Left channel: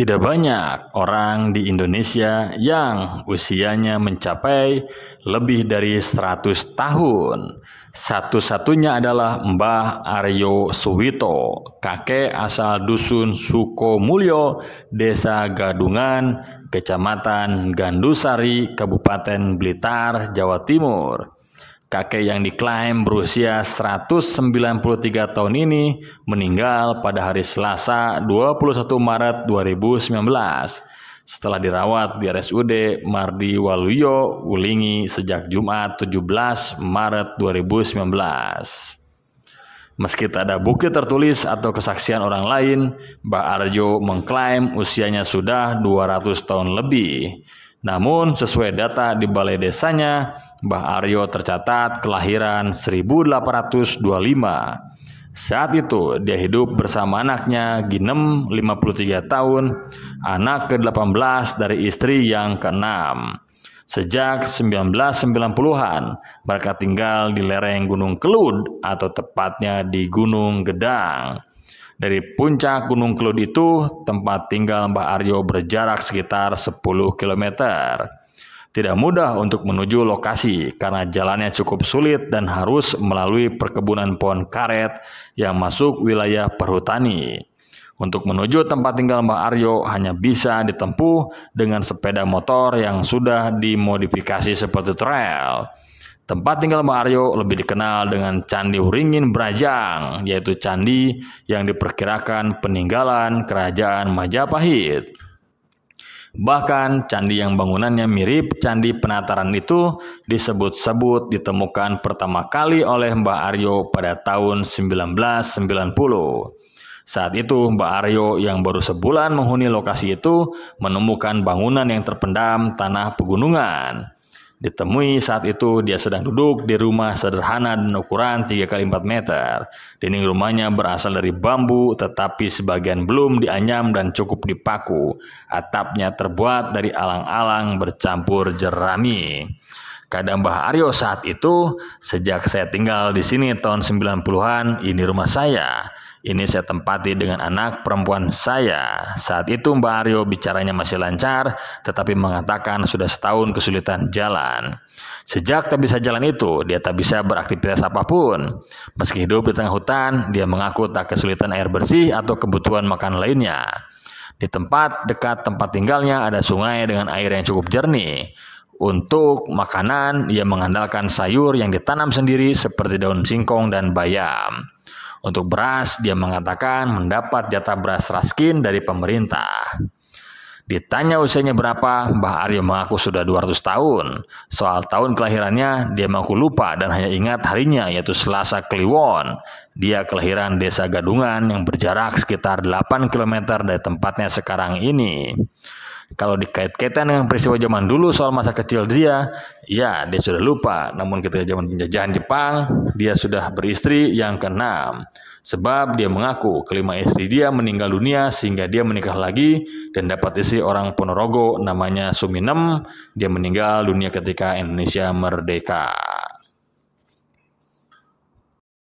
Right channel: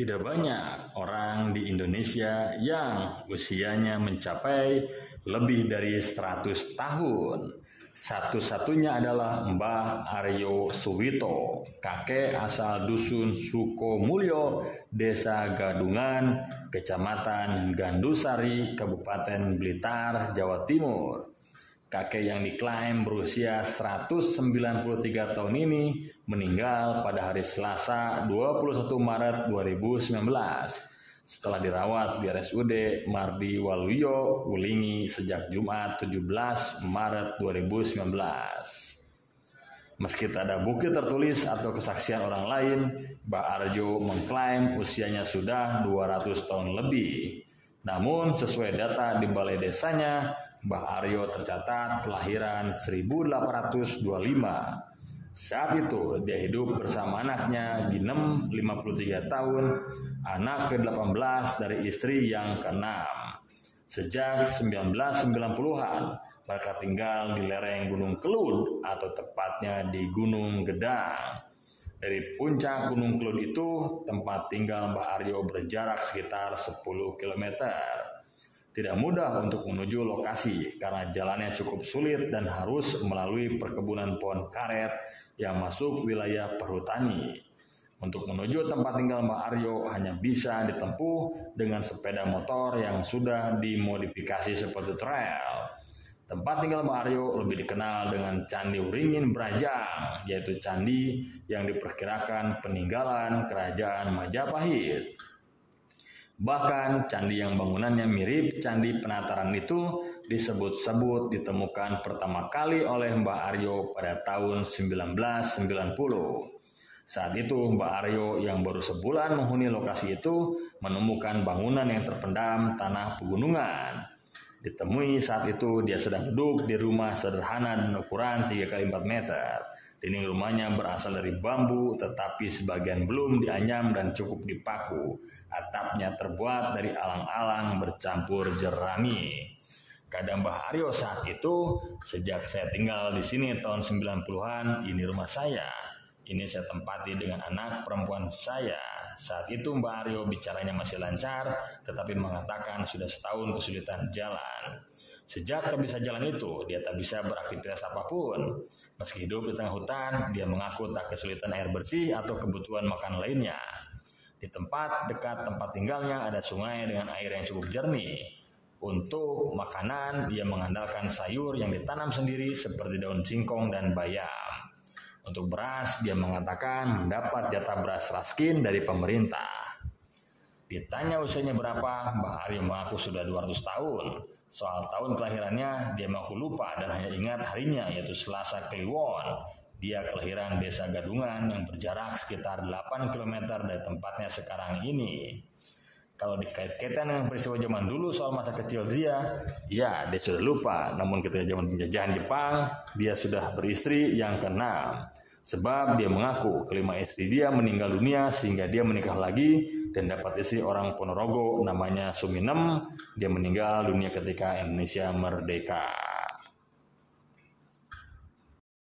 Tidak banyak orang di Indonesia yang usianya mencapai lebih dari 100 tahun. Satu-satunya adalah Mbah Aryo Suwito, kakek asal dusun Sukomulyo, Desa Gadungan, Kecamatan Gandusari, Kabupaten Blitar, Jawa Timur. Kakek yang diklaim berusia 193 tahun ini meninggal pada hari Selasa 21 Maret 2019 setelah dirawat di RSUD Mardi Waluyo, Wulingi sejak Jumat 17 Maret 2019. Meski tak ada bukti tertulis atau kesaksian orang lain, Mbah Arjo mengklaim usianya sudah 200 tahun lebih. Namun sesuai data di balai desanya, Mbah Aryo tercatat kelahiran 1825. Saat itu dia hidup bersama anaknya Ginem 53 tahun, anak ke-18 dari istri yang ke-6. Sejak 1990-an, mereka tinggal di lereng Gunung Kelud atau tepatnya di Gunung Gedang. Dari puncak Gunung Kelud itu, tempat tinggal Mbah Aryo berjarak sekitar 10 km. Tidak mudah untuk menuju lokasi karena jalannya cukup sulit dan harus melalui perkebunan pohon karet yang masuk wilayah perhutani. Untuk menuju tempat tinggal Mbah Aryo hanya bisa ditempuh dengan sepeda motor yang sudah dimodifikasi seperti trail. Tempat tinggal Mbah Aryo lebih dikenal dengan Candi Wringin Brajang, yaitu candi yang diperkirakan peninggalan Kerajaan Majapahit. Bahkan candi yang bangunannya mirip Candi Penataran itu disebut-sebut ditemukan pertama kali oleh Mbah Aryo pada tahun 1990. Saat itu Mbah Aryo yang baru sebulan menghuni lokasi itu menemukan bangunan yang terpendam tanah pegunungan. Ditemui saat itu dia sedang duduk di rumah sederhana dan ukuran 3x4 meter. Dinding rumahnya berasal dari bambu tetapi sebagian belum dianyam dan cukup dipaku. Atapnya terbuat dari alang-alang bercampur jerami. Kata Mbah Aryo saat itu, sejak saya tinggal di sini tahun 90-an, ini rumah saya. Ini saya tempati dengan anak perempuan saya. Saat itu Mbah Aryo bicaranya masih lancar, tetapi mengatakan sudah setahun kesulitan jalan. Sejak tak bisa jalan itu, dia tak bisa beraktivitas apapun. Meski hidup di tengah hutan, dia mengaku tak kesulitan air bersih atau kebutuhan makan lainnya. Di tempat dekat tempat tinggalnya ada sungai dengan air yang cukup jernih. Untuk makanan, ia mengandalkan sayur yang ditanam sendiri seperti daun singkong dan bayam. Untuk beras, dia mengatakan mendapat jatah beras raskin dari pemerintah. Ditanya usianya berapa, Mbah Aryo mengaku sudah 200 tahun. Soal tahun kelahirannya, dia mengaku lupa dan hanya ingat harinya, yaitu Selasa Kliwon. Dia kelahiran Desa Gadungan yang berjarak sekitar 8 km dari tempatnya sekarang ini. Kalau dikait-kaitan dengan peristiwa zaman dulu soal masa kecil dia sudah lupa. Namun ketika zaman penjajahan Jepang, dia sudah beristri yang ke-6. Sebab dia mengaku kelima istri dia meninggal dunia sehingga dia menikah lagi dan dapat istri orang Ponorogo namanya Suminem. Dia meninggal dunia ketika Indonesia merdeka.